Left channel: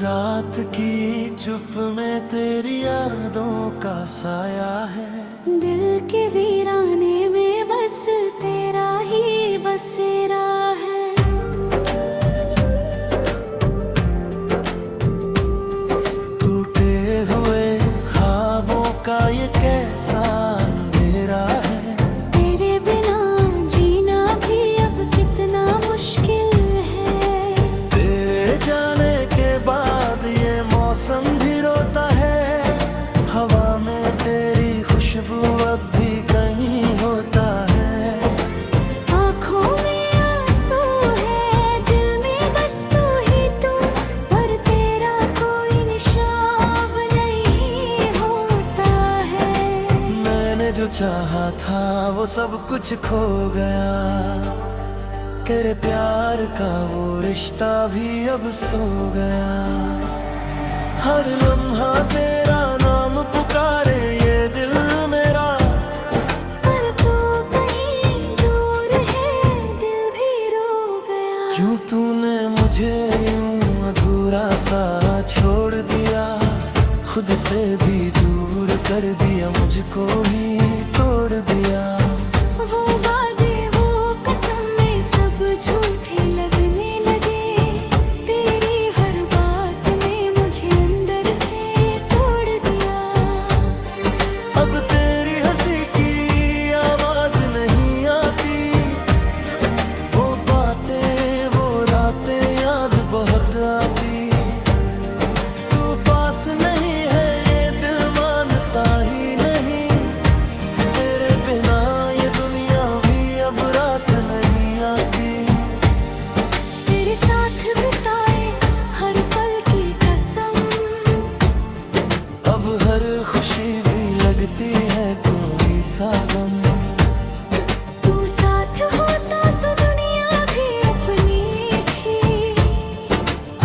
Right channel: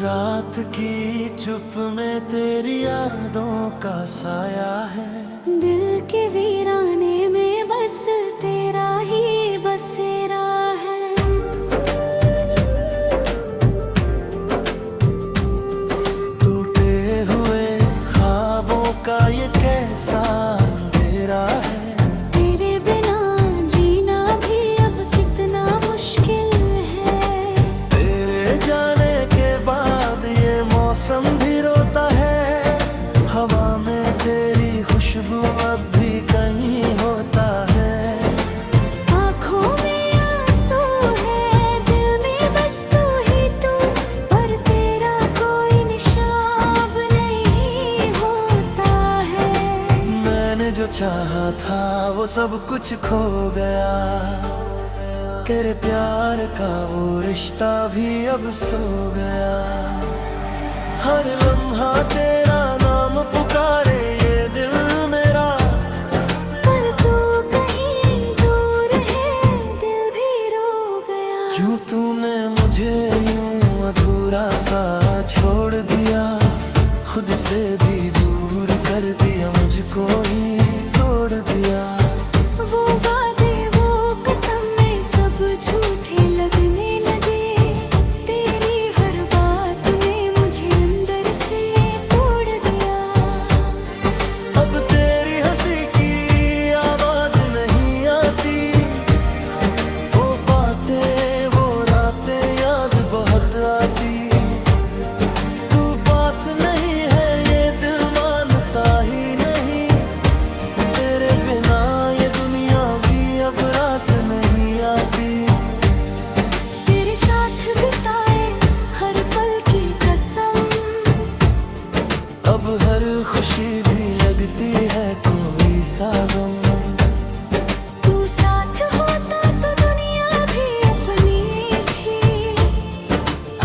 रात की चुप में तेरी यादों का साया है। दिल के वीराने में बस तेरा ही बसेरा है। टूटे हुए ख्वाबों का ये कैसा अंधेरा है। तेरे बिना जीना भी अब कितना मुश्किल है। तेरे जाने के बाद ये मौसम भी रोता है। हवा में तेरी खुशबू अब भी कहीं होता है। आँखों में आंसू है, दिल में बस तू ही तू, पर तेरा कोई निशान नहीं होता है। मैंने जो चाहा था वो सब कुछ खो गया। तेरे प्यार का वो रिश्ता भी अब सो गया। हर लम्हा तेरा नाम पुकारे ये दिल मेरा, पर तू कहीं दूर है, दिल भी रो गया। क्यों तूने मुझे यूं अधूरा सा छोड़ दिया। खुद से भी दूर कर दिया, मुझको ही तोड़ दिया। वो वादे वो कसमें सब झूठे लगने लगे। तेरी हर बात ने मुझे अंदर से तोड़ दिया। अब तेरी हंसी की आवाज नहीं आती। वो बातें वो रातें याद बहुत आती। तू पास नहीं है ये दिल मानता ही नहीं। तेरे बिना ये दुनिया भी अब रास नहीं आती। तेरे साथ बिताए हर पल की कसम, अब हर खुशी भी लगती है कोई सा गम। तू साथ होता तो दुनिया भी अपनी थी।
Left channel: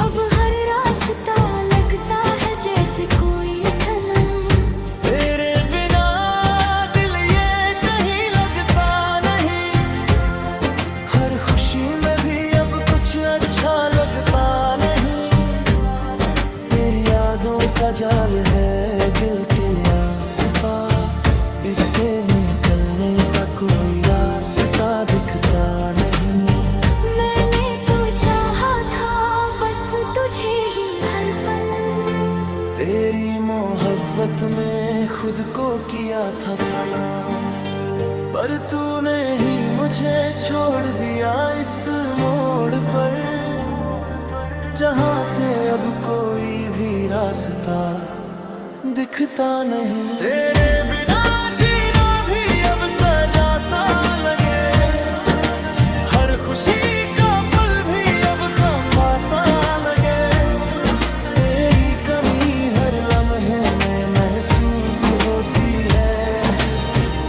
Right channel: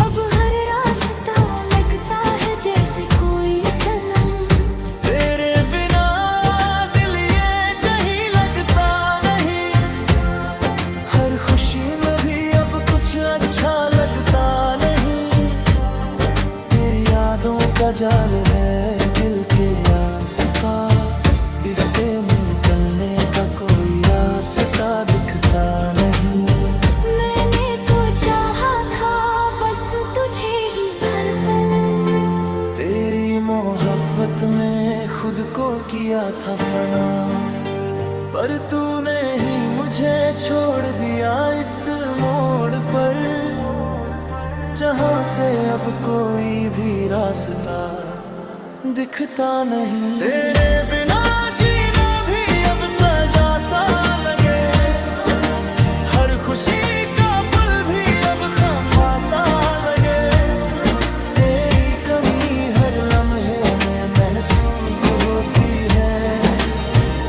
अब हर रास्ता लगता है जैसे कोई सनम। तेरे बिना दिल ये कहीं लगता नहीं। हर खुशी में भी अब कुछ अच्छा लगता नहीं। तेरी यादों का जाल है दिल के आसपास, इससे निकलने का कोई रास्ता दिखता नहीं। मैंने तो चाहा था बस तुझे ही हर पल। तेरी मोहब्बत में खुद को किया था फना, पर तूने ही मुझे छोड़ दिया इस मोड़ पर, जहाँ से अब कोई भी रास्ता दिखता नहीं। तेरे बिना जीना भी अब सजा सा लगे। हर खुशी का पल भी अब खफा सा लगे। तेरी कमी हर लम्हे में महसूस होती है।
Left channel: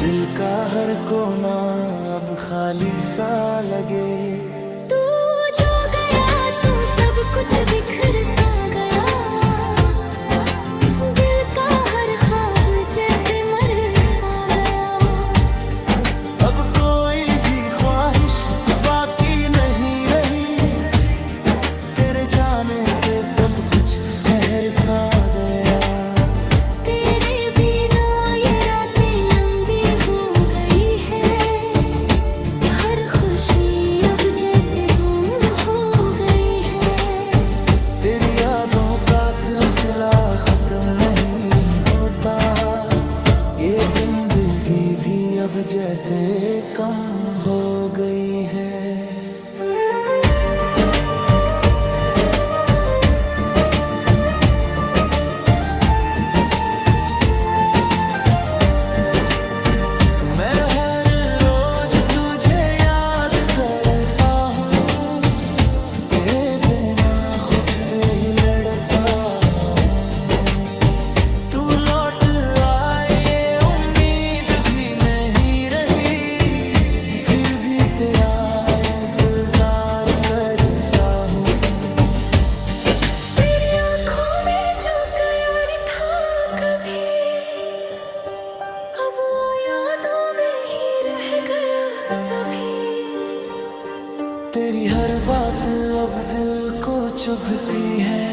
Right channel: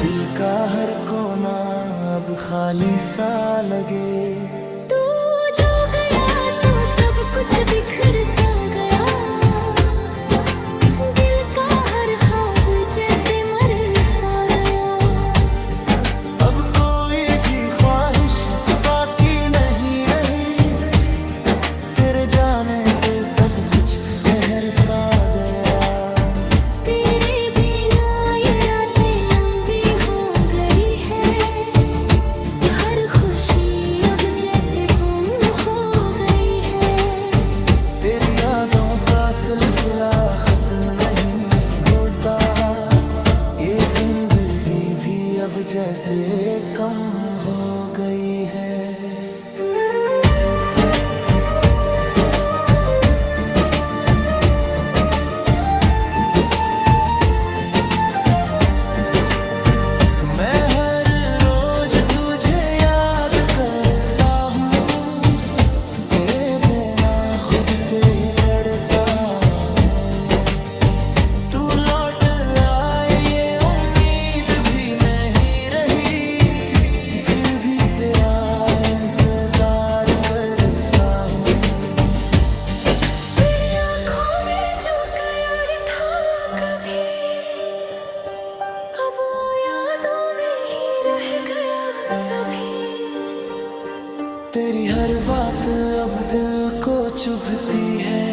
दिल का हर कोना अब खाली सा लगे। तू जो गया तो सब कुछ बिखर सा गया। दिल का हर ख्वाब जैसे मर सा गया। अब कोई भी ख्वाहिश बाकी नहीं रही। तेरे जाने से सब कुछ ठहर सा गया। तेरे बिना ये रातें लंबी हो गई है। हर खुशी अब जैसे गुम हो गई है। तेरी यादों का सिलसिला खत्म नहीं होता। ये जिंदगी भी अब जैसे कम हो गई है। मैं हर रोज तुझे याद करता हूँ। तेरे बिना खुद से ही लड़ता हूँ। तू लौट आए ये उम्मीद भी नहीं रही। फिर भी तेरा इंतजार करता हूँ। तेरी आँखों में जो प्यार था कभी, अब वो यादों में ही रह गया सभी। तेरी हर बात अब दिल को चुभती है।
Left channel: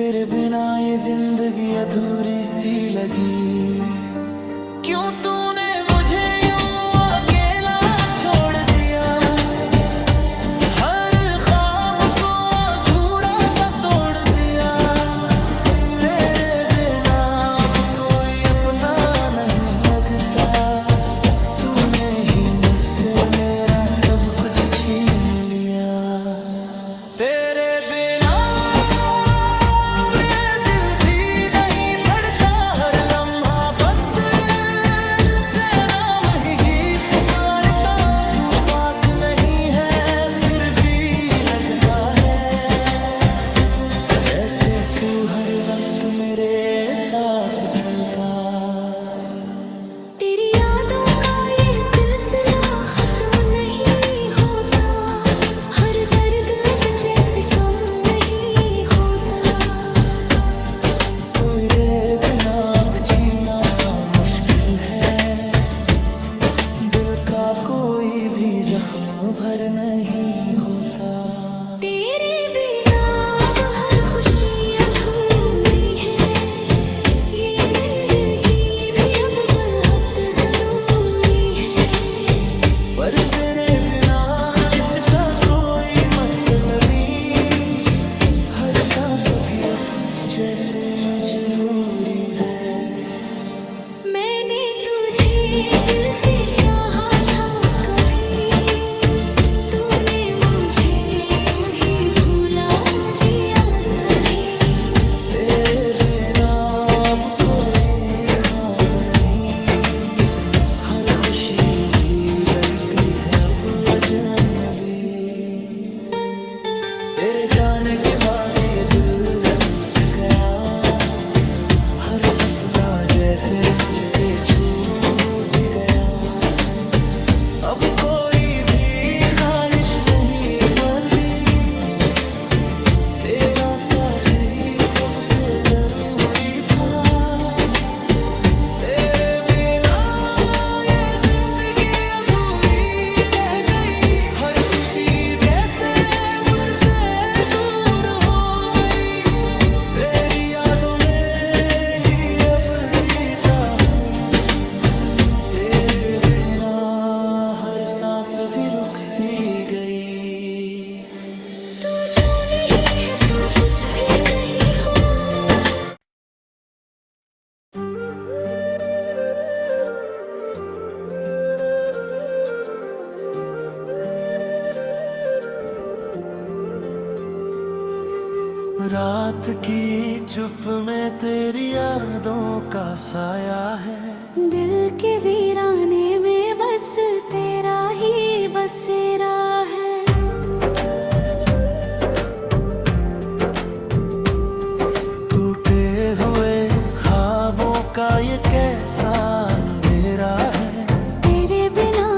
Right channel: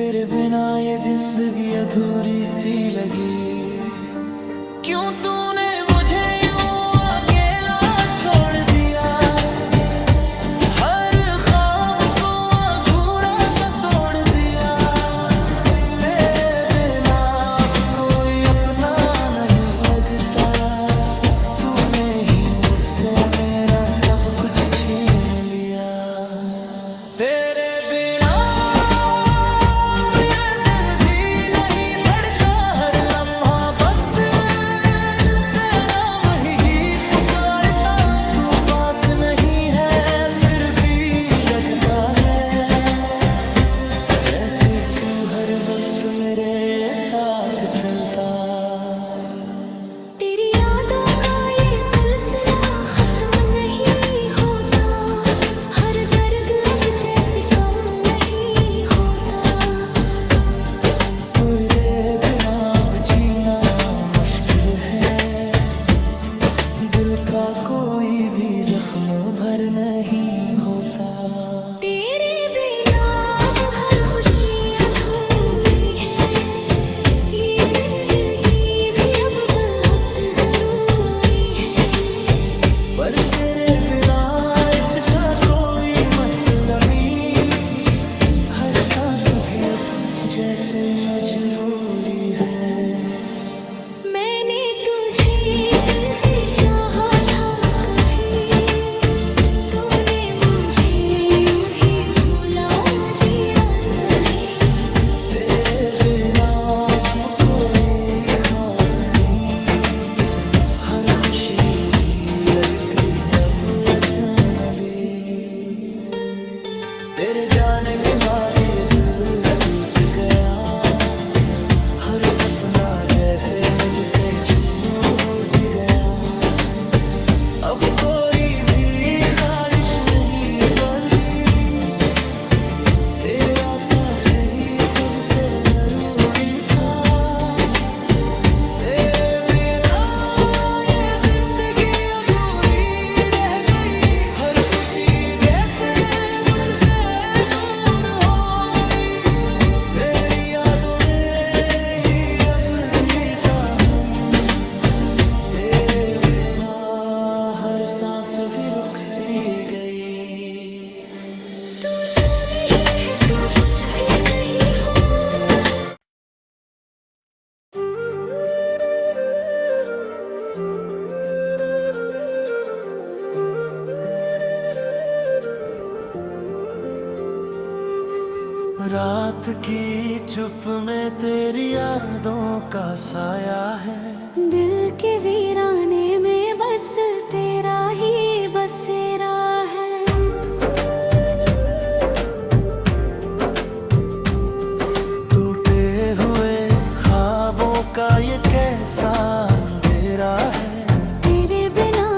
तेरे बिना ये जिंदगी अधूरी सी लगी। क्यों तूने मुझे यूं अकेला छोड़ दिया, हर ख्वाब को अधूरा सा तोड़ दिया। तेरे बिना अब कोई अपना नहीं लगता, तूने ही मुझसे मेरा सब कुछ छीन लिया। तेरे बिना अब ये दिल भी नहीं धड़का, हर लम्हा बस तेरा नाम ही पुकारता। तू पास नहीं है फिर भी लगता है, जैसे तू हर वक्त मेरे साथ चलता। तेरी यादों का ये सिलसिला खत्म नहीं होता, हर दर्द अब जैसे कम नहीं होता। तेरे बिना अब जीना मुश्किल है, दिल का कोई भी जख्म भर नहीं होता। तेरे बिना अब हर खुशी अधूरी है, ये जिंदगी भी अब बहुत जरूरी है। पर तेरे बिना इसका कोई मतलब नहीं, हर सांस भी अब जैसे मजबूरी है। मैंने तुझे दिल से चाहा था कभी, तूने मुझे यूं ही भुला दिया सभी। तेरे बिना अब कोई ख्वाब नहीं, हर खुशी भी लगती है अब अजनबी। तेरे जाने के बाद ये दिल टूट गया, हर सपना जैसे मुझसे छूट गया। अब कोई भी ख्वाहिश नहीं बची, तेरा साथ ही सबसे जरूरी था। तेरे बिना ये जिंदगी अधूरी रह गई, हर खुशी जैसे मुझसे दूर हो गई। तेरी यादों में ही अब जीता हूँ, तेरे बिना हर सांस भी रुक सी गई। तू जो नहीं है तो कुछ भी नहीं हो। रात की चुप में तेरी यादों का साया है, दिल के वीराने में बस तेरा ही बसेरा है। टूटे हुए ख्वाबों का ये कैसा अंधेरा है। तेरे बिना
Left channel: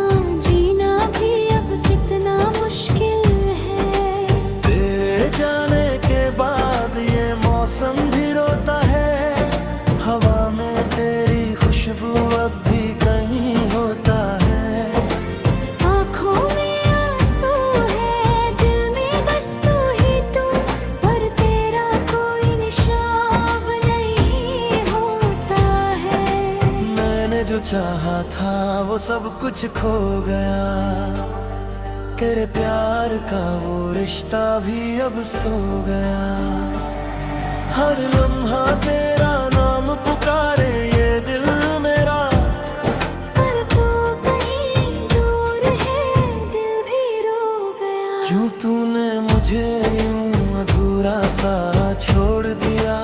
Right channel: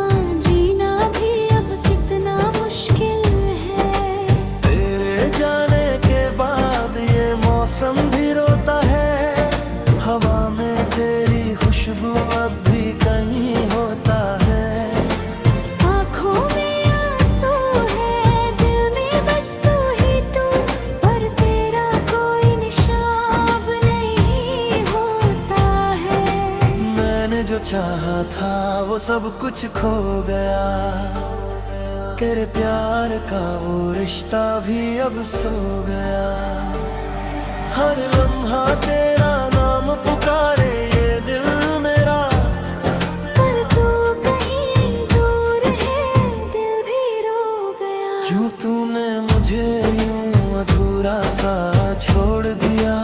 जीना भी अब कितना मुश्किल है। तेरे जाने के बाद ये मौसम भी रोता है, हवा में तेरी खुशबू अब भी कहीं होता है। आँखों में आंसू है, दिल में बस तू ही तू, पर तेरा कोई निशान नहीं होता है। मैंने जो चाहा था वो सब कुछ खो गया, तेरे प्यार का वो रिश्ता भी अब सो गया। हर लम्हा तेरा नाम पुकारे ये दिल मेरा, पर तू कहीं दूर है, दिल भी रो गया। क्यों तूने मुझे यूं अधूरा सा छोड़ दिया,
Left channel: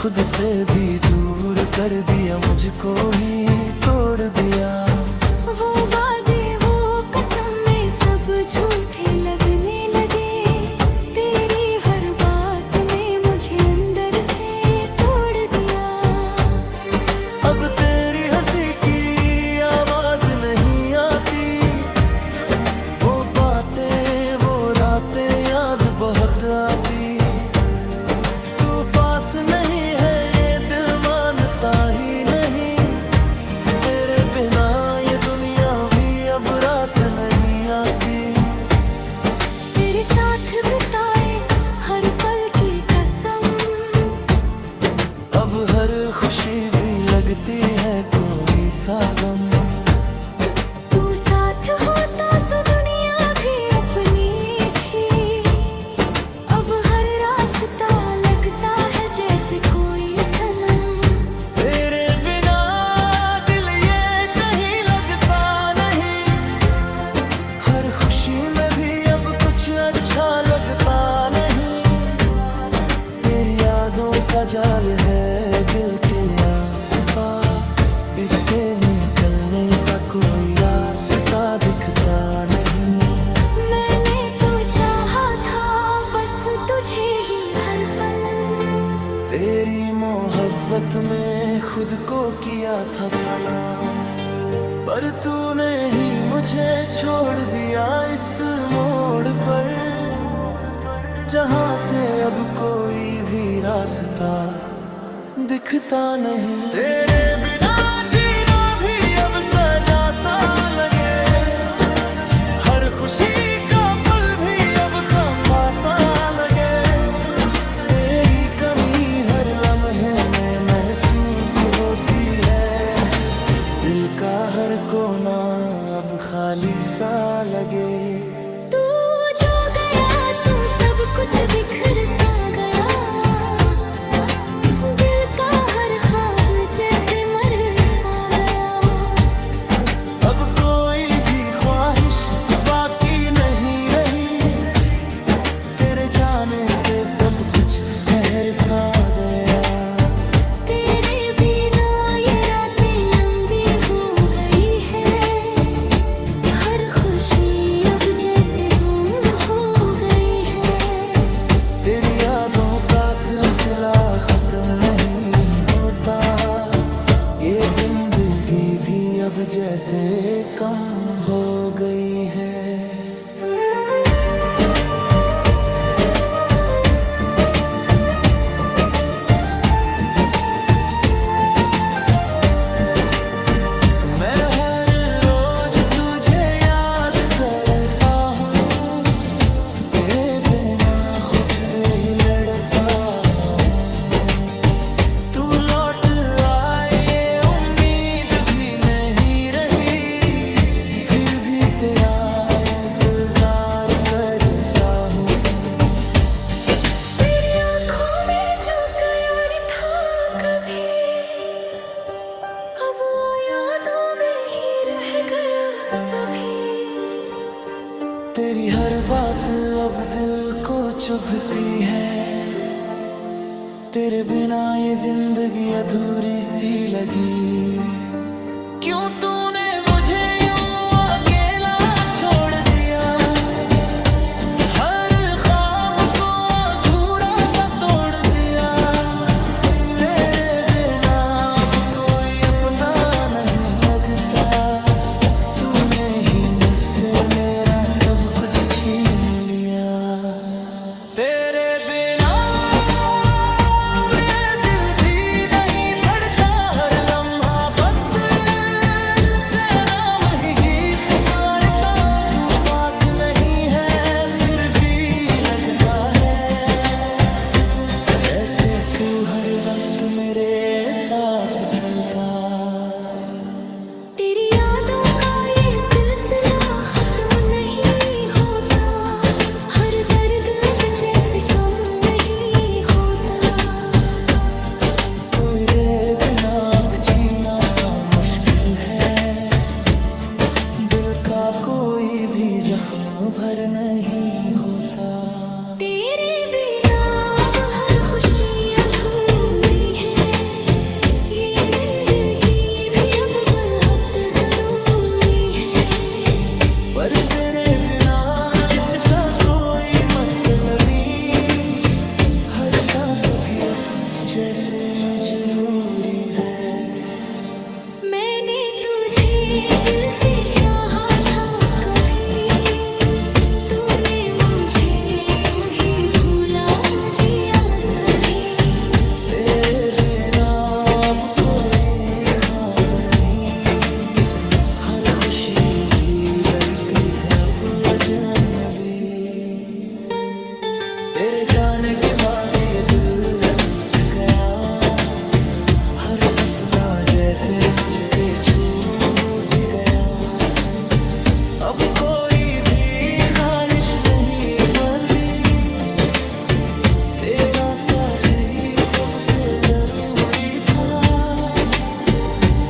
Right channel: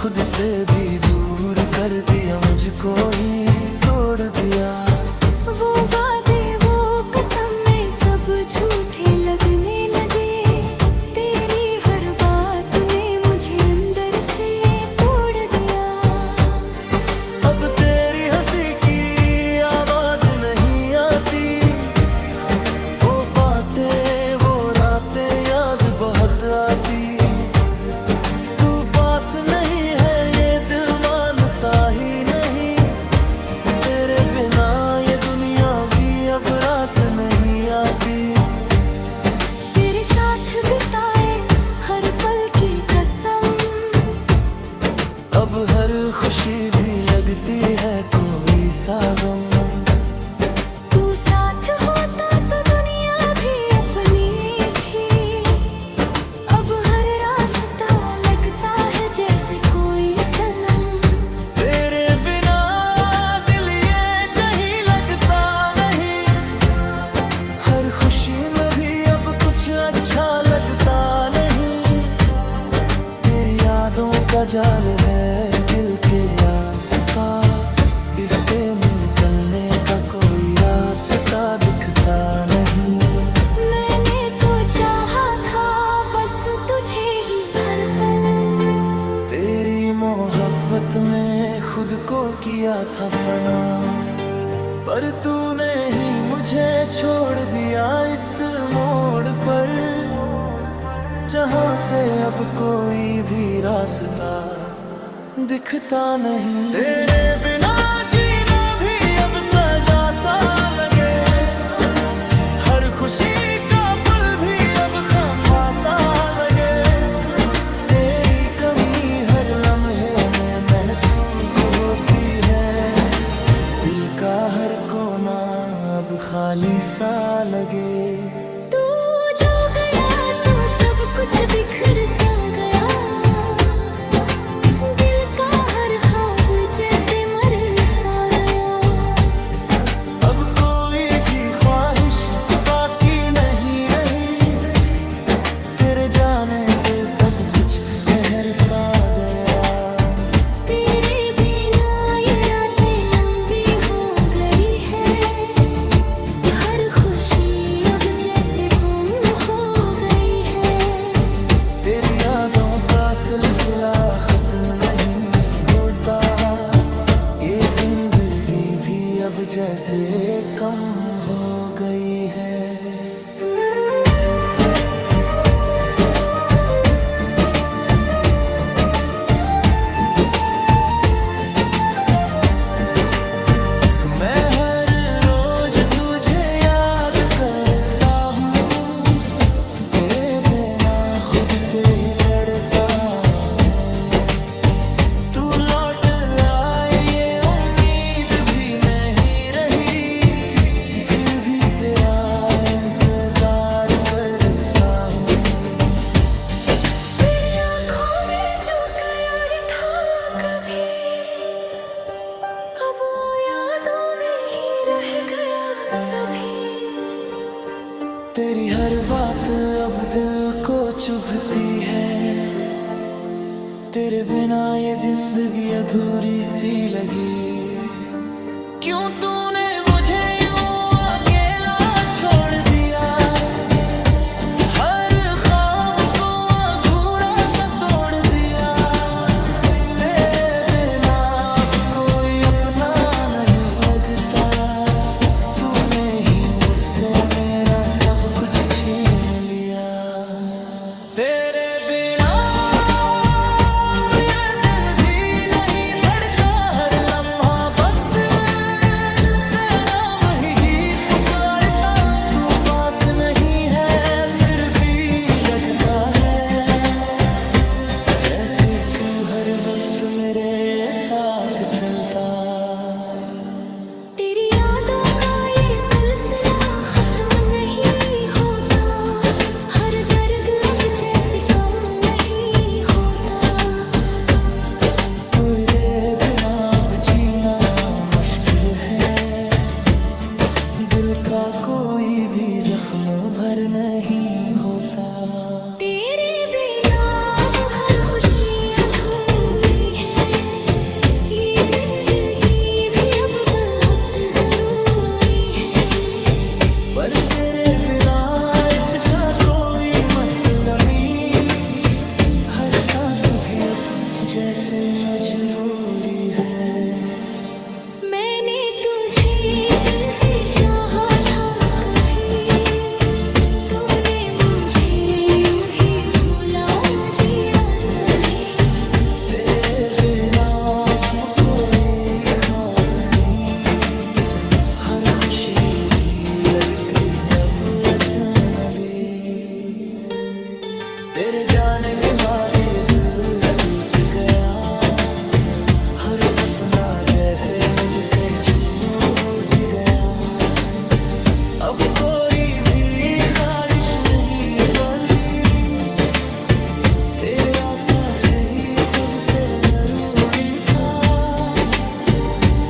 खुद से भी दूर कर दिया, मुझको ही तोड़ दिया। वो वादे वो कसम में सब झूठे लगने लगे, तेरी हर बात ने मुझे अंदर से तोड़ दिया। अब तेरी हंसी की आवाज नहीं आती, वो बातें वो रातें याद बहुत आती। तू पास नहीं है ये दिल मानता ही नहीं, तेरे बिना ये दुनिया भी अब रास नहीं। अब हर खुशी भी लगती है कोई सा गम। तू साथ होता तो दुनिया भी अपनी थी। अब हर रास्ता लगता है जैसे कोई सनम। तेरे बिना दिल ये कहीं लगता नहीं। हर खुशी में भी अब कुछ अच्छा लगता नहीं। तेरी यादों का जाल है दिल के आस-पास, इससे निकलने का कोई रास्ता दिखता नहीं। मैंने तो चाहा था बस तुझे ही हर पल। तेरी मोहब्बत में खुद को किया था फना, पर तूने ही मुझे छोड़ दिया इस मोड़ पर, जहाँ से अब कोई भी रास्ता दिखता नहीं। तेरे बिना जीना भी अब सजा सा लगे। हर खुशी का पल भी अब खफा सा लगे। तेरी कमी हर लम्हे में महसूस होती है। दिल का हर कोना अब खाली सा लगे। तू जो गया तो सब कुछ बिखर सा गया। दिल का हर ख्वाब जैसे मर सा गया। अब कोई भी ख्वाहिश बाकी नहीं रही। तेरे जाने से सब कुछ ठहर सा गया। तेरे बिना ये रातें लंबी हो गई है। हर खुशी अब जैसे गुम हो गई है। तेरी यादों का सिलसिला खत्म नहीं होता। ये जिंदगी भी अब जैसे कम हो गई है। मैं हर रोज तुझे याद करता हूँ। तेरे बिना खुद से ही लड़ता हूँ। तू लौट आए ये उम्मीद भी नहीं रही। फिर भी तेरा इंतजार करता हूँ। तेरी आँखों में जो प्यार था कभी, अब वो यादों में ही रह गया सभी। तेरी हर बात अब दिल को चुभती है। तेरे बिना ये जिंदगी अधूरी सी लगी। क्यों तूने मुझे यूं अकेला छोड़ दिया। हर ख्वाब को अधूरा सा तोड़ दिया। तेरे बिना अब कोई अपना नहीं लगता। तूने ही मुझसे मेरा सब कुछ छीन लिया। तेरे बिना अब ये दिल भी नहीं धड़का। हर लम्हा बस तेरा नाम ही पुकारता। तू पास नहीं है फिर भी लगता है जैसे तू हर वक्त मेरे साथ चलता। तेरी यादों का ये सिलसिला खत्म नहीं होता। हर दर्द अब जैसे कम नहीं होता। कोई रे बिना अब जीना मुश्किल है। दिल का कोई भी जख्म भर नहीं होता। तेरे बिना अब हर खुशी अधूरी है। ये जिंदगी भी अब बहुत जरूरी है। पर तेरे बिना इसका कोई मतलब नहीं। हर सांस भी अब जैसे मजबूरी है। मैंने तुझे दिल से चाहा था कभी। तूने मुझे यूं ही भुला दिया सभी। तेरे बिना अब कोई ख्वाब नहीं। हर खुशी भी लगती है अब अजनबी। तेरे जाने के बाद ये दिल टूट गया। सपना जैसे मुझसे छूट गया। अब कोई भी ख्वाहिश नहीं बची, तेरा साथ ही सबसे जरूरी था।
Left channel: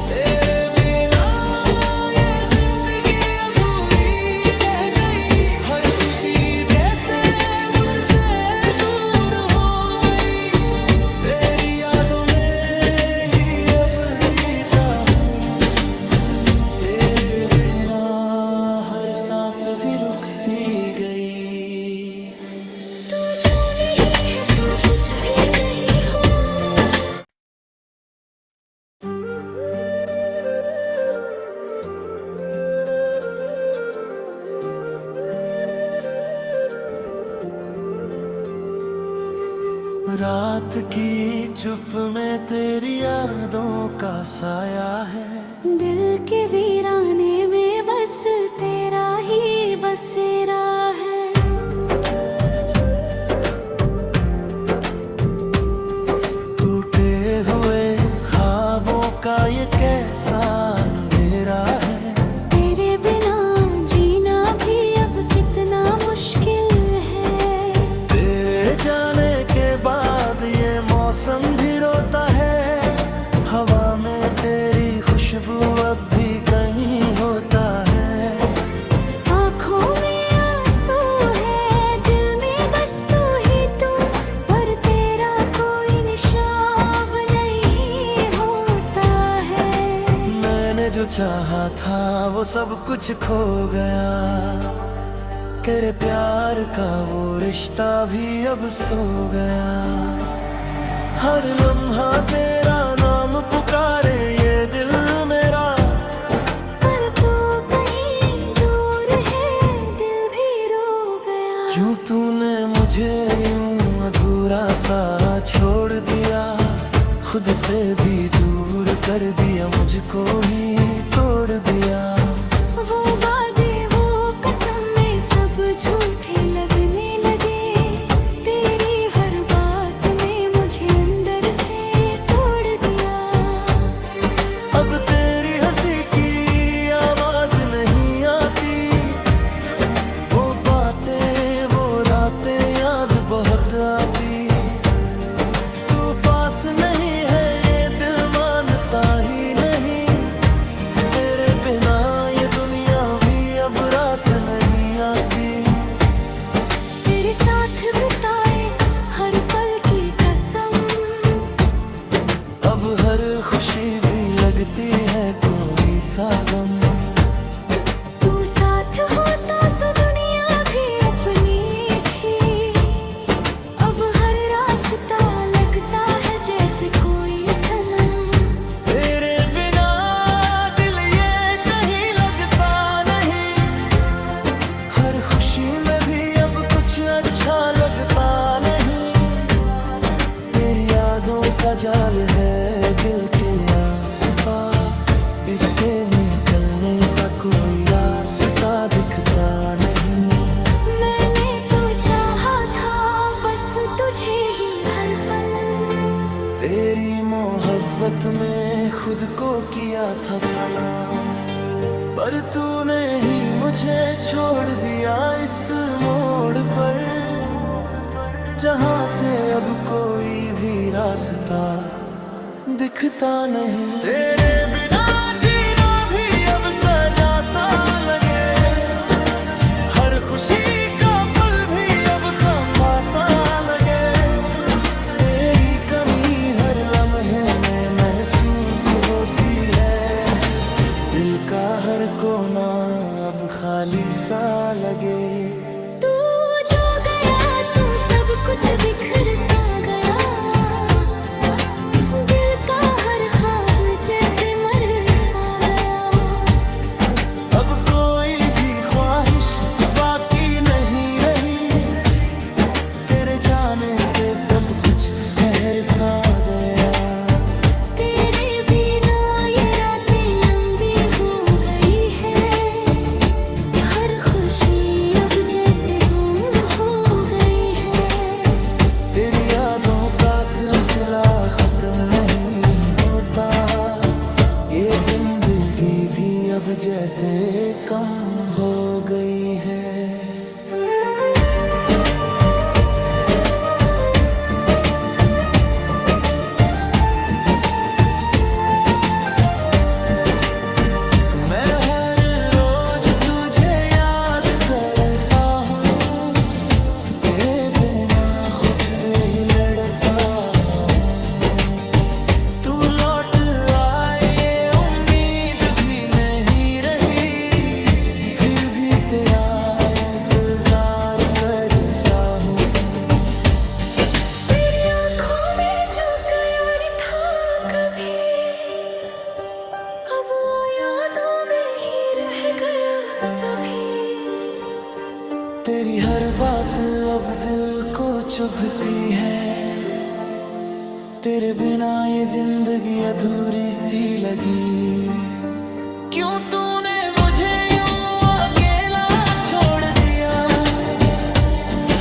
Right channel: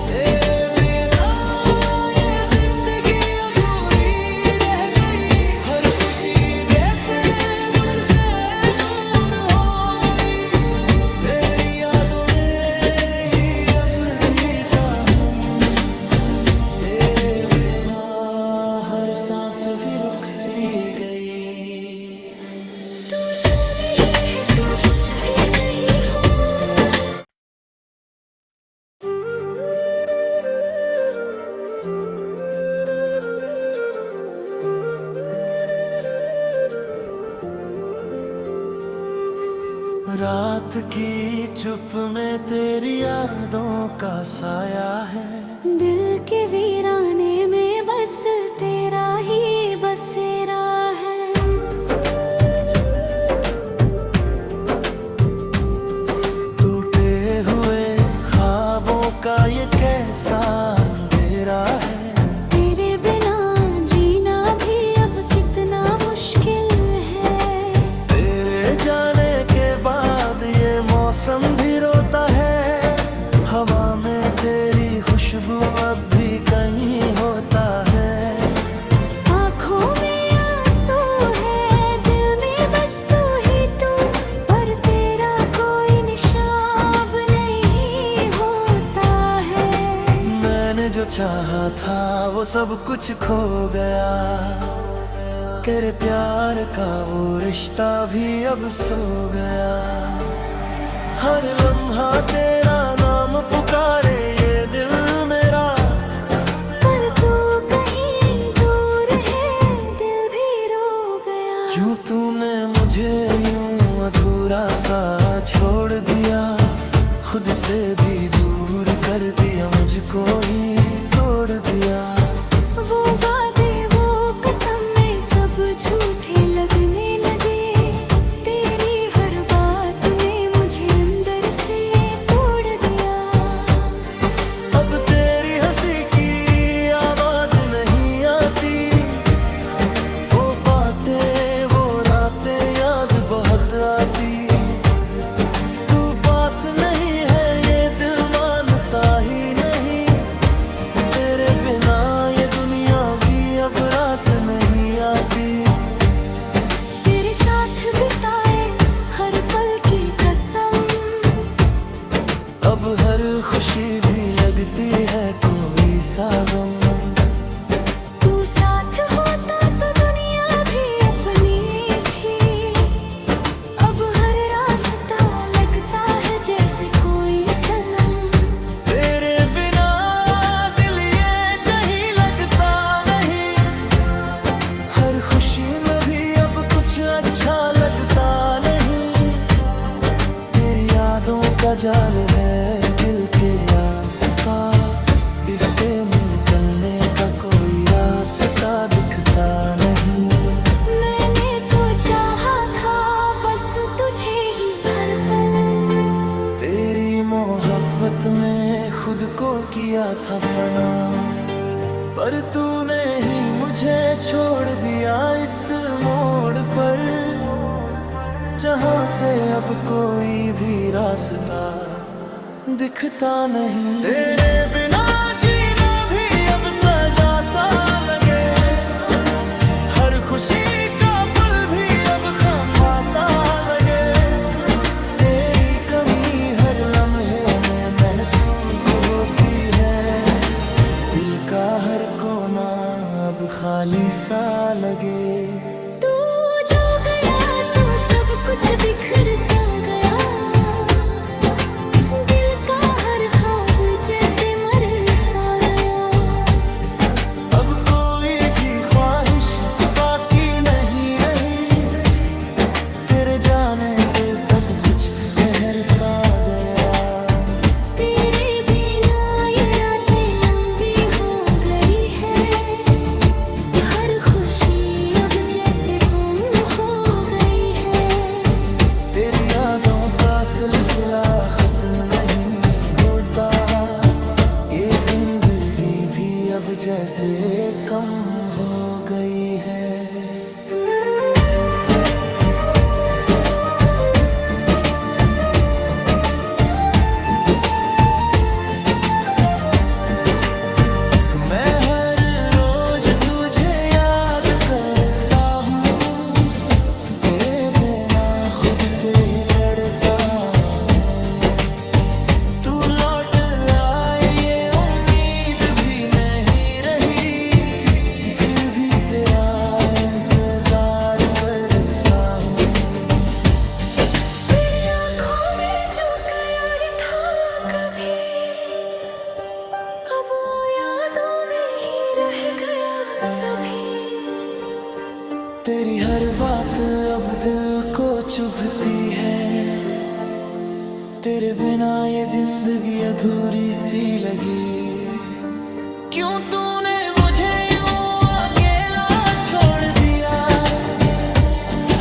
तेरे बिना ये जिंदगी अधूरी रह गई, हर खुशी जैसे मुझसे दूर हो गई। तेरी यादों में ही अब जीता हूँ, तेरे बिना हर सांस भी रुक सी गई। तू जो नहीं है तो कुछ भी नहीं हो। रात की चुप में तेरी यादों का साया है, दिल के वीराने में बस तेरा ही बसेरा है। टूटे हुए ख्वाबों का ये कैसा अंधेरा है, तेरे बिना जीना भी अब कितना मुश्किल है। तेरे जाने के बाद ये मौसम भी रोता है, हवा में तेरी खुशबू अब भी कहीं होता है। आँखों में आंसू है, दिल में बस तू ही तू, पर तेरा कोई निशान नहीं होता है। मैंने जो चाहा था वो सब कुछ खो गया, तेरे प्यार का वो रिश्ता भी अब सो गया। हर लम्हा तेरा नाम पुकारे ये दिल मेरा, पर तू कहीं दूर है, दिल भी रो गया। क्यों तूने मुझे यूं अधूरा सा छोड़ दिया, खुद से भी दूर कर दिया, मुझको ही तोड़ दिया। वो वादे वो कसम में सब झूठे लगने लगे, तेरी हर बात ने मुझे अंदर से तोड़ दिया। अब तेरी हंसी की आवाज नहीं आती, वो बातें वो रातें याद बहुत आती। तू पास नहीं है ये दिल मानता ही नहीं, तेरे बिना ये दुनिया भी अब रास नहीं आती। तेरे साथ बिताए हर पल की कसम, अब हर खुशी भी लगती है कोई सा गम। तू साथ होता तो दुनिया भी अपनी थी, अब हर रास्ता लगता है जैसे कोई सनम। तेरे बिना दिल ये कहीं लगता नहीं, हर खुशी में भी अब कुछ अच्छा लगता नहीं। तेरी यादों का जाल है दिल के आसपास, इससे निकलने का कोई रास्ता दिखता नहीं। मैंने तो चाहा था बस तुझे ही हर पल, तेरी मोहब्बत में खुद को किया था फना, पर तूने ही मुझे छोड़ दिया इस मोड़ पर, जहाँ से अब कोई भी रास्ता दिखता नहीं। तेरे बिना जीना भी अब सजा सा लगे, हर खुशी का पल भी अब खफा सा लगे। तेरी कमी हर लम्हे में महसूस होती है, दिल का हर कोना अब खाली सा लगे। तू जो गया तो सब कुछ बिखर सा गया, दिल का हर ख्वाब जैसे मर सा गया। अब कोई भी ख्वाहिश बाकी नहीं रही, तेरे जाने से सब कुछ ठहर सा गया। तेरे बिना ये रातें लंबी हो गई है, हर खुशी अब जैसे गुम हो गई है। तेरी यादों का सिलसिला खत्म नहीं होता। होता, ये जिंदगी भी अब जैसे कम हो गई है। मैं हर रोज तुझे याद करता हूँ, तेरे बिना खुद से ही लड़ता हूँ। तू लौट आए ये उम्मीद भी नहीं रही, फिर भी तेरा इंतजार करता हूँ। तेरी आँखों में जो प्यार था कभी, अब वो यादों में ही रह गया सभी। तेरी हर बात अब दिल को चुभती है, तेरे बिना ये जिंदगी अधूरी सी लगी। क्यों तूने मुझे यूं अकेला छोड़ दिया,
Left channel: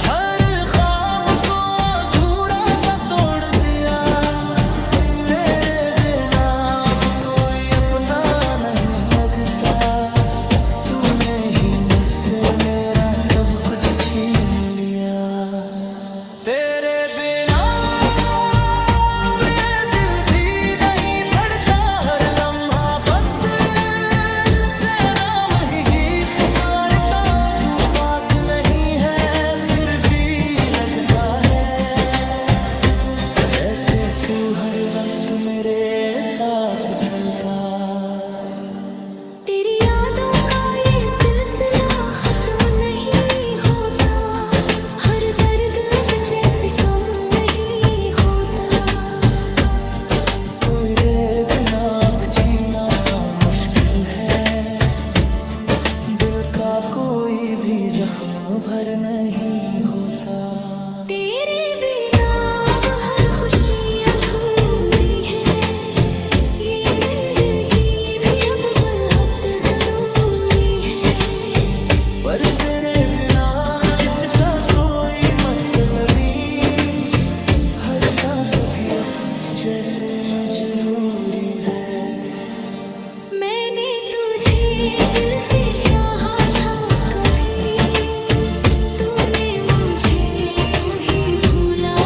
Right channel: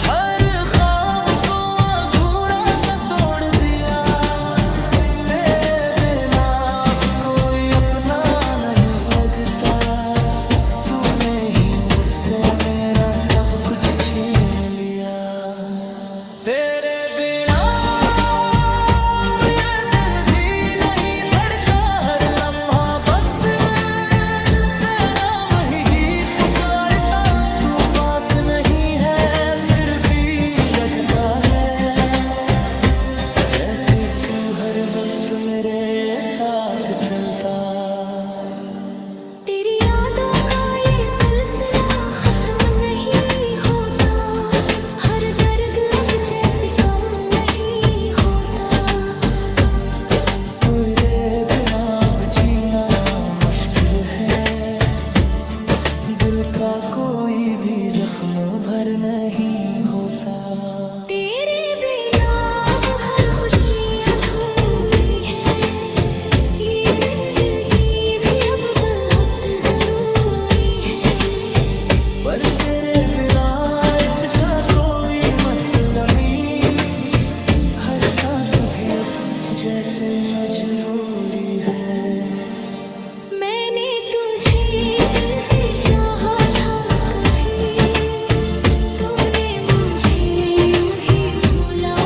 हर ख्वाब को अधूरा सा तोड़ दिया। तेरे बिना अब कोई अपना नहीं लगता, तूने ही मुझसे मेरा सब कुछ छीन लिया। तेरे बिना अब ये दिल भी नहीं धड़का, हर लम्हा बस तेरा नाम ही पुकारता। तू पास नहीं है फिर भी लगता है, जैसे तू हर वक्त मेरे साथ चलता। तेरी यादों का ये सिलसिला खत्म नहीं होता, हर दर्द अब जैसे कम नहीं होता। तेरे बिना अब जीना मुश्किल है, दिल का कोई भी जख्म भर नहीं होता। तेरे बिना अब हर खुशी अधूरी है, ये जिंदगी भी अब बहुत जरूरी है। पर तेरे बिना इसका कोई मतलब नहीं, हर सांस भी अब जैसे मजबूरी है। मैंने तुझे दिल से चाहा था कभी, तूने मुझे यूं ही भुला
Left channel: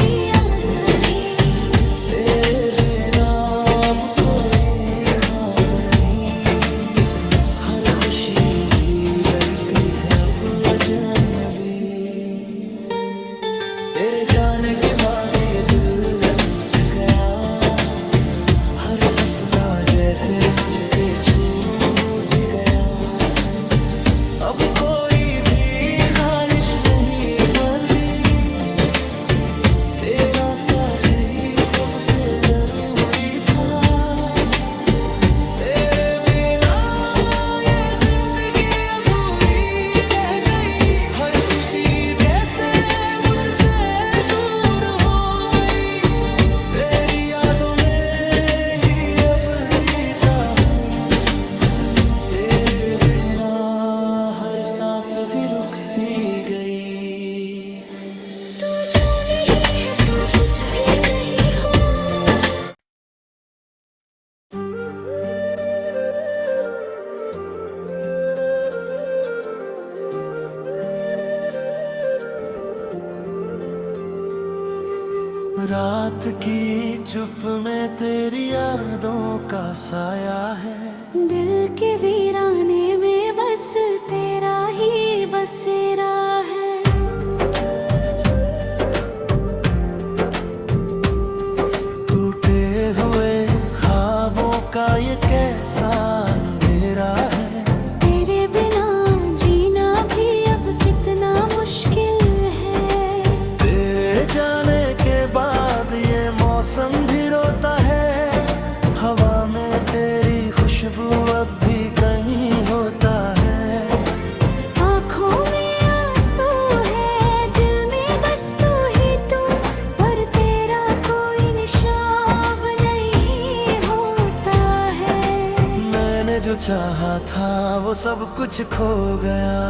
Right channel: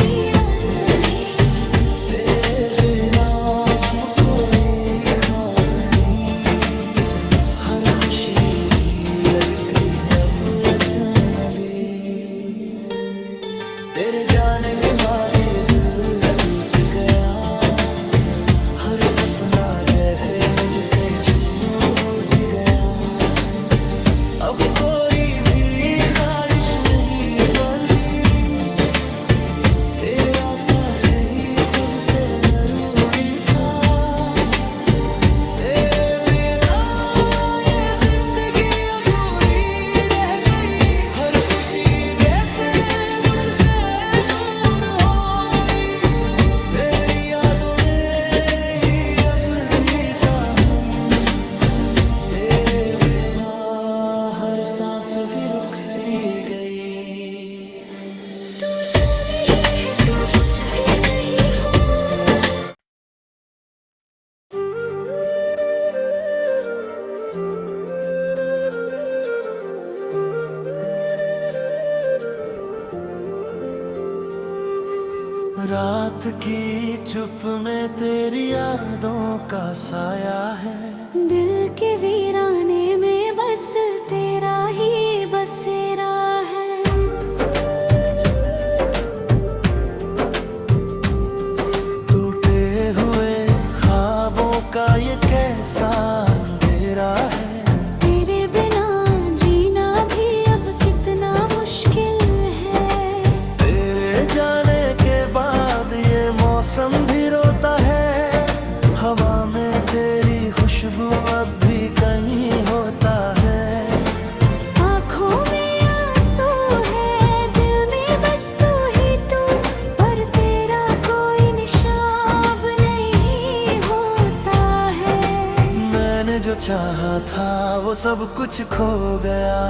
दिया सभी। तेरे बिना अब कोई ख्वाब नहीं, हर खुशी भी लगती है अब अजनबी। तेरे जाने के बाद ये दिल टूट गया, हर सपना जैसे मुझसे छूट गया। अब कोई भी ख्वाहिश नहीं बची, तेरा साथ ही सबसे जरूरी था। तेरे बिना ये जिंदगी अधूरी रह गई, हर खुशी जैसे मुझसे दूर हो गई। तेरी यादों में ही अब जीता हूँ, तेरे बिना हर सांस भी रुक सी गई। तू जो नहीं है तो कुछ भी नहीं हो। रात की चुप में तेरी यादों का साया है, दिल के वीराने में बस तेरा ही बसेरा है। टूटे हुए ख्वाबों का ये कैसा अंधेरा है। तेरे बिना जीना भी अब कितना मुश्किल है। तेरे जाने के बाद ये मौसम भी रोता है, हवा में तेरी खुशबू अब भी कहीं होता है। आँखों में आंसू है, दिल में बस तू ही तू, पर तेरा कोई निशान नहीं होता है। मैंने जो चाहा था वो सब कुछ खो गया,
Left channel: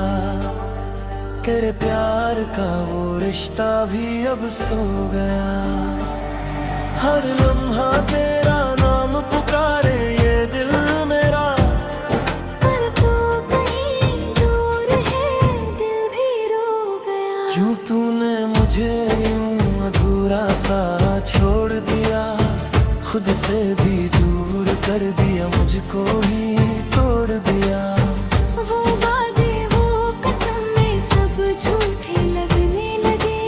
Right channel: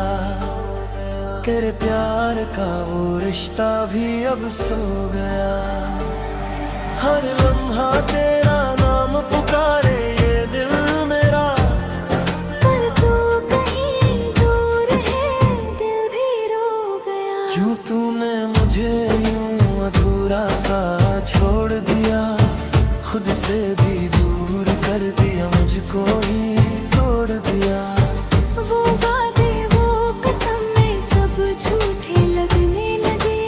तेरे प्यार का वो रिश्ता भी अब सो गया। हर लम्हा तेरा नाम पुकारे ये दिल मेरा। पर तू कहीं दूर है, दिल भी रो गया। क्यों तूने मुझे यूं अधूरा सा छोड़ दिया, खुद से भी दूर कर दिया, मुझको ही तोड़ दिया। वो वादे वो कसम में सब झूठे लगने लगे,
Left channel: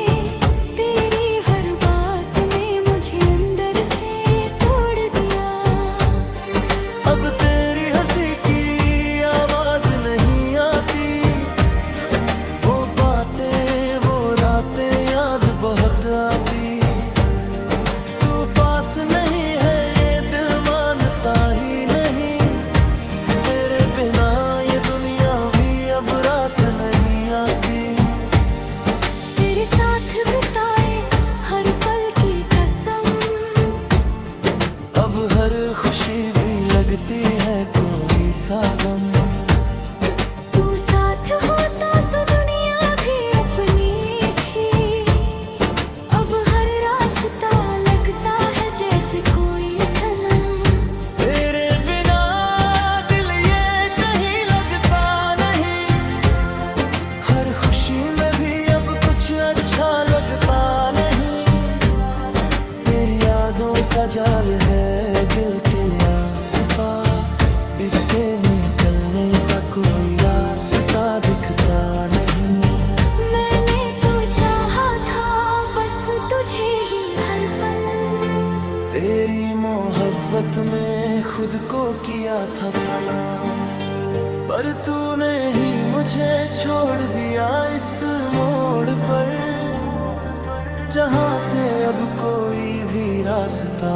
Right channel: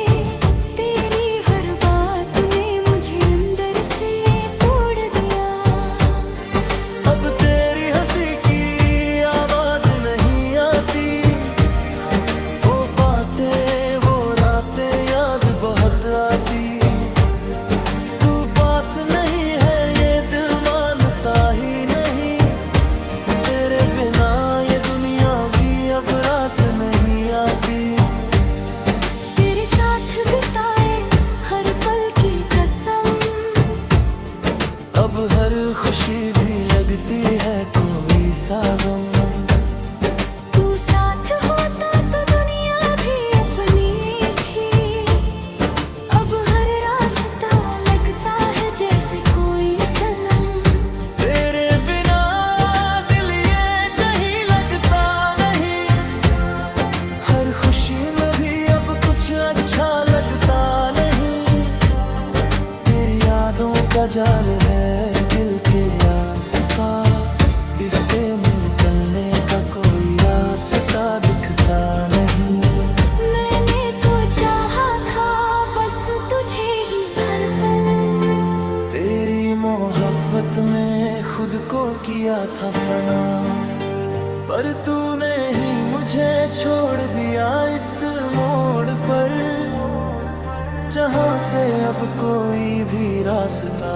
तेरी हर बात ने मुझे अंदर से तोड़ दिया। अब तेरी हंसी की आवाज नहीं आती, वो बातें वो रातें याद बहुत आती। तू पास नहीं है ये दिल मानता ही नहीं, तेरे बिना ये दुनिया भी अब रास नहीं आती। तेरे साथ बिताए हर पल की कसम, अब हर खुशी भी लगती है कोई सा गम। तू साथ होता तो दुनिया भी अपनी थी, अब हर रास्ता लगता है जैसे कोई सनम। तेरे बिना दिल ये कहीं लगता नहीं, हर खुशी में भी अब कुछ अच्छा लगता नहीं। तेरी यादों का जाल है दिल के आस-पास, इससे निकलने का कोई रास्ता दिखता नहीं। मैंने तो चाहा था बस तुझे ही हर पल, तेरी मोहब्बत में खुद को किया था फना, पर तूने ही मुझे छोड़ दिया इस मोड़ पर, जहाँ से अब कोई भी रास्ता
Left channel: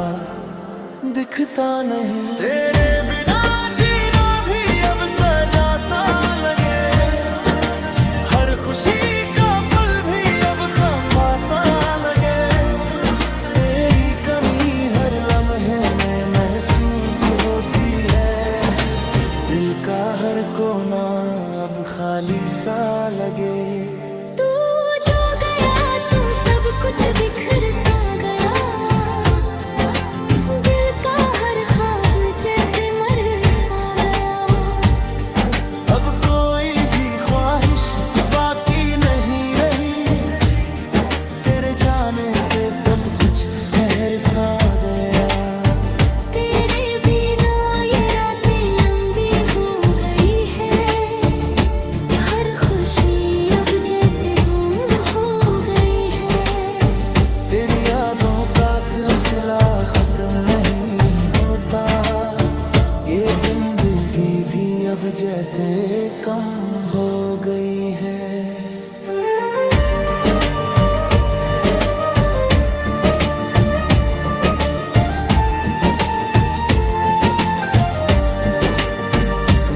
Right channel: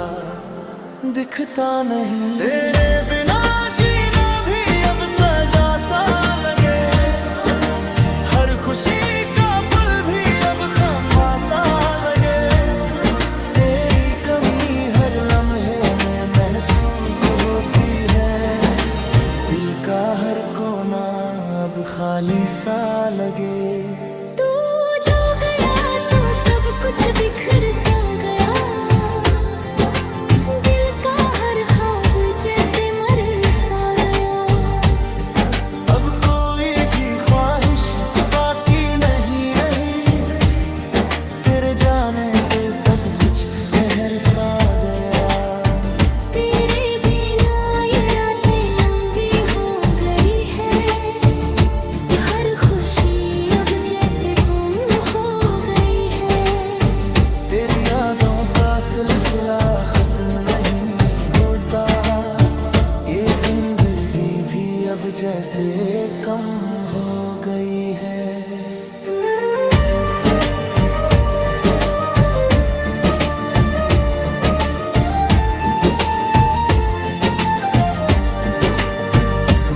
दिखता नहीं। तेरे बिना जीना भी अब सजा सा लगे, हर खुशी का पल भी अब खफा सा लगे। तेरी कमी हर लम्हे में महसूस होती है, दिल का हर कोना अब खाली सा लगे। तू जो गया तो सब कुछ बिखर सा गया, दिल का हर ख्वाब जैसे मर सा गया। अब कोई भी ख्वाहिश बाकी नहीं रही, तेरे जाने से सब कुछ ठहर सा गया। तेरे बिना ये रातें लंबी हो गई है, हर खुशी अब जैसे गुम हो गई है। तेरी यादों का सिलसिला खत्म नहीं होता, ये जिंदगी भी अब जैसे कम हो गई है।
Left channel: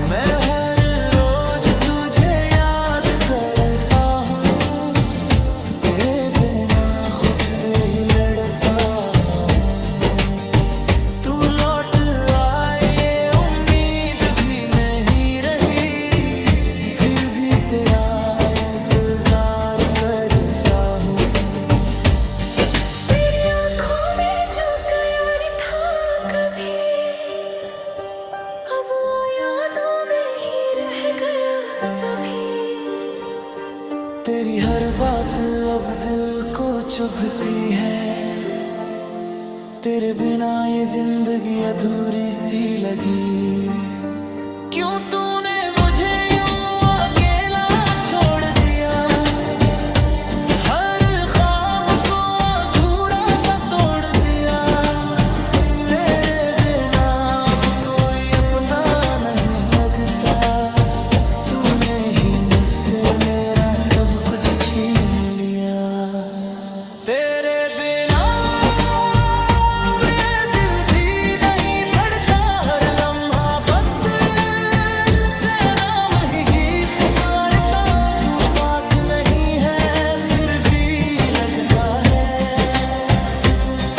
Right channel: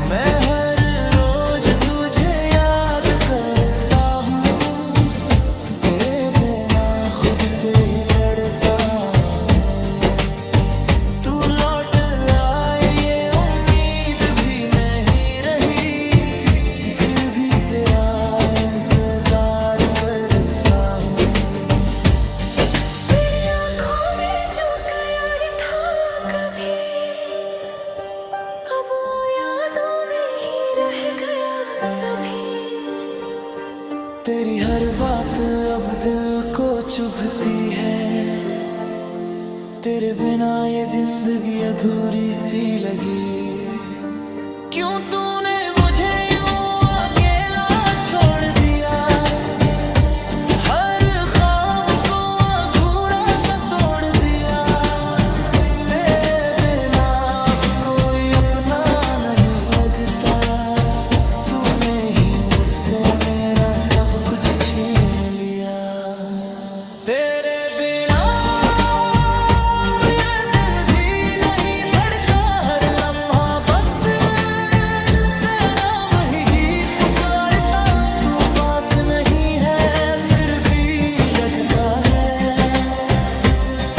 मैं हर रोज तुझे याद करता हूँ, तेरे बिना खुद से ही लड़ता हूँ। तू लौट आए ये उम्मीद भी नहीं रही, फिर भी तेरा इंतजार करता हूँ। तेरी आँखों में जो प्यार था कभी, अब वो यादों में ही रह गया सभी। तेरी हर बात अब दिल को चुभती है, तेरे बिना ये जिंदगी अधूरी सी लगी। क्यों तूने मुझे यूं अकेला छोड़ दिया, हर ख्वाब को अधूरा सा तोड़ दिया। तेरे बिना अब कोई अपना नहीं लगता, तूने ही मुझसे मेरा सब कुछ छीन लिया। तेरे बिना अब ये दिल भी नहीं धड़का, हर लम्हा बस तेरा नाम ही पुकारता। तू पास नहीं है फिर भी लगता है,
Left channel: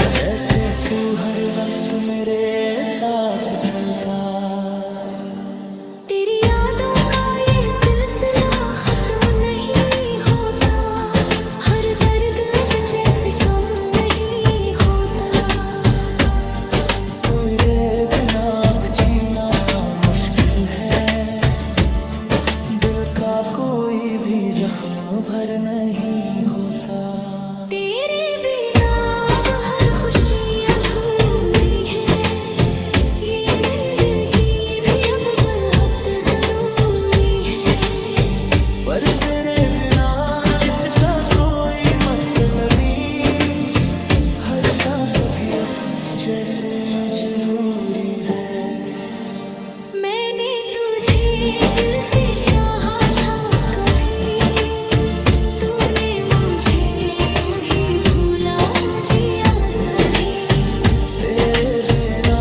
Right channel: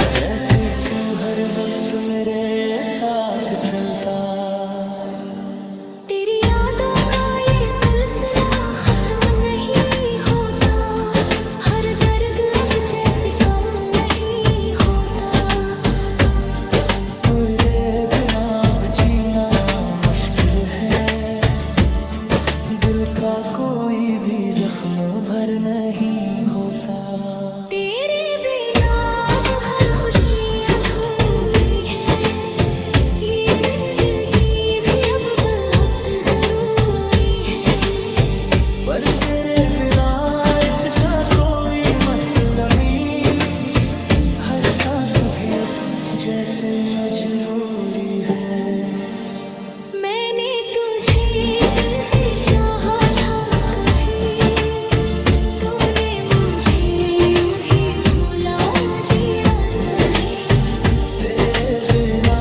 जैसे तू हर वक्त मेरे साथ चलता। तेरी यादों का ये सिलसिला खत्म नहीं होता, हर दर्द अब जैसे कम नहीं होता। जीना मुश्किल है, दिल का कोई भी जख्म भर नहीं होता। तेरे बिना अब हर खुशी अधूरी है, ये जिंदगी भी अब बहुत जरूरी है। पर तेरे बिना इसका कोई मतलब नहीं, हर सांस भी अब जैसे मजबूरी है। मैंने तुझे दिल से चाहा था कभी, तूने मुझे यूं ही भुला दिया सभी। तेरे बिना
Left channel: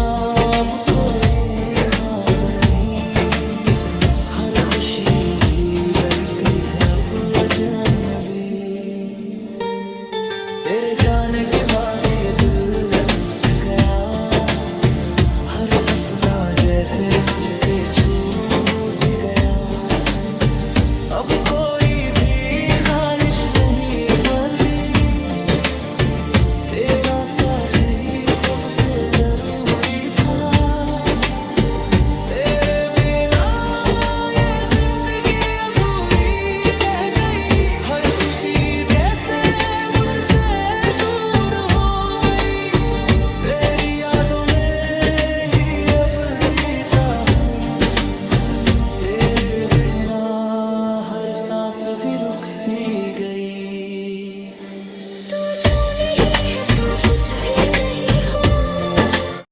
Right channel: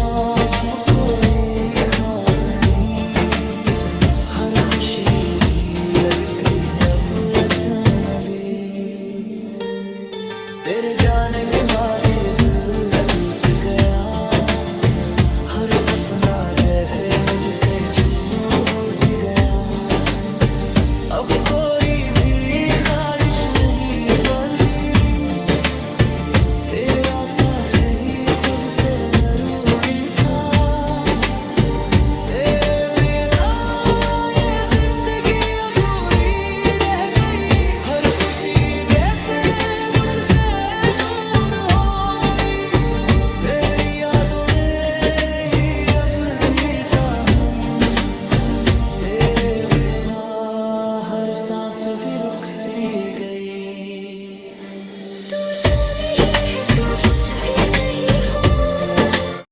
अब कोई ख्वाब नहीं, हर खुशी भी लगती है अब अजनबी। तेरे जाने के बाद ये दिल टूट गया, हर सपना जैसे मुझसे छूट गया। अब कोई भी ख्वाहिश नहीं बची, तेरा साथ ही सबसे जरूरी था। तेरे बिना ये जिंदगी अधूरी रह गई, हर खुशी जैसे मुझसे दूर हो गई। तेरी यादों में ही अब जीता हूँ, तेरे बिना हर सांस भी रुक सी गई। तू जो नहीं है तो कुछ भी नहीं हो